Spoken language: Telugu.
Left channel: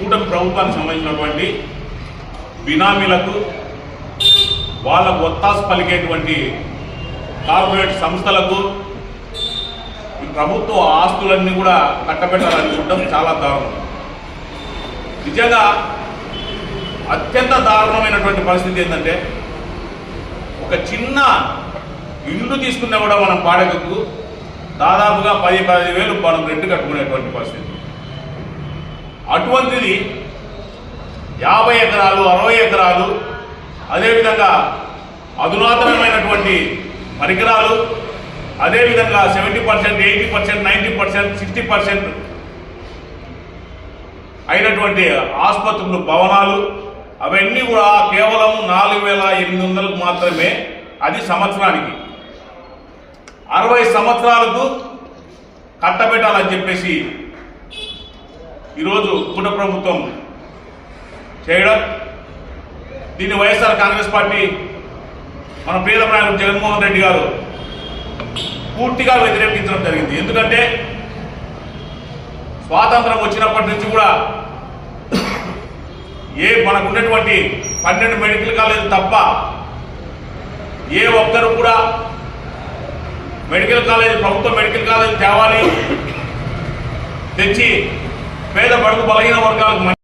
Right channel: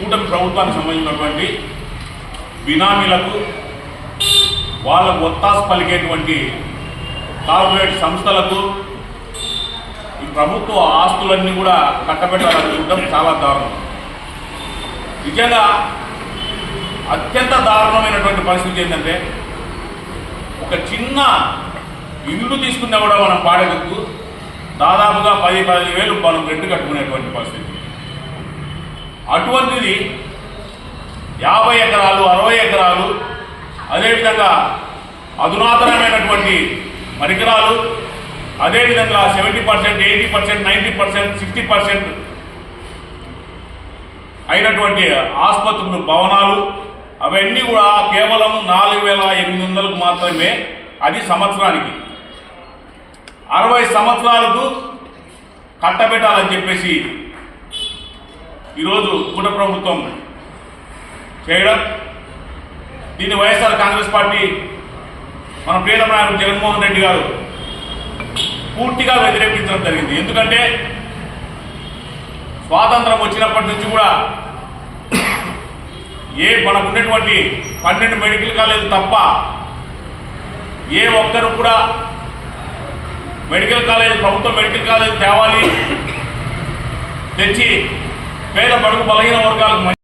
కూటమి ప్రభుత్వానికి సంబంధించినటువంటి బినామీలకు వాళ్ళకు ఒత్తాసు పలికేటువంటి కార్పొరేట్ సంస్థలకు ఈ ప్రభుత్వ ఆస్తులన్నీ కూడా కట్టబెట్టాలని చూడడం చాలా దారుణం. నిజంగా అత్యంత దారుణమైనటువంటి పరిస్థితి ఏంటంటే ఒక చిన్న ఇల్లు తీసుకున్నా కూడా మనం బాడగకు దాదాపుగా పది పది వేలు మనం రెంట్ కట్టుకునేటువంటి పరిస్థితి. అటువంటిది యాభై ఎకరాలు అరవై ఎకరాలు అదేవిధంగా అధునాతనమైనటువంటి పరికరాలు అదేవిధంగా seventy percent eighty percent ninety percent sixty percent అయినటువంటి ఆసుపత్రులు భవనాలు అవన్నీ కూడా కేవలం నాలుగు వేల ఎనిమిది వందలకు మాత్రమే అది సంవత్సరానికి. అరవై సంవత్సరాలకు కట్టబెట్టాలని చెప్పేసి ఈరోజు కుట ప్రభుత్వం చేయడం దీన్ని వైఎస్ఆర్ కాంగ్రెస్ పార్టీ మన ప్రియతమ నాయకుడు జగన్మోహన్ రెడ్డి గారు పూర్తిగా వ్యతిరేకించడం జరిగింది. ఎందుకంటే స్వాతంత్రం వచ్చినప్పటి నుంచి కూడా ఏ మనకు ఉన్నటువంటి పన్నెండు మెడికల్ కాలేజీలు తప్ప ఏ ఒక్కరు కూడా మెడికల్ కాలేజ్ ప్రభుత్వ మెడికల్ కాలేజ్ తేవాలి తెచ్చి மேல படுத்து ஒரு இருக்காங்க.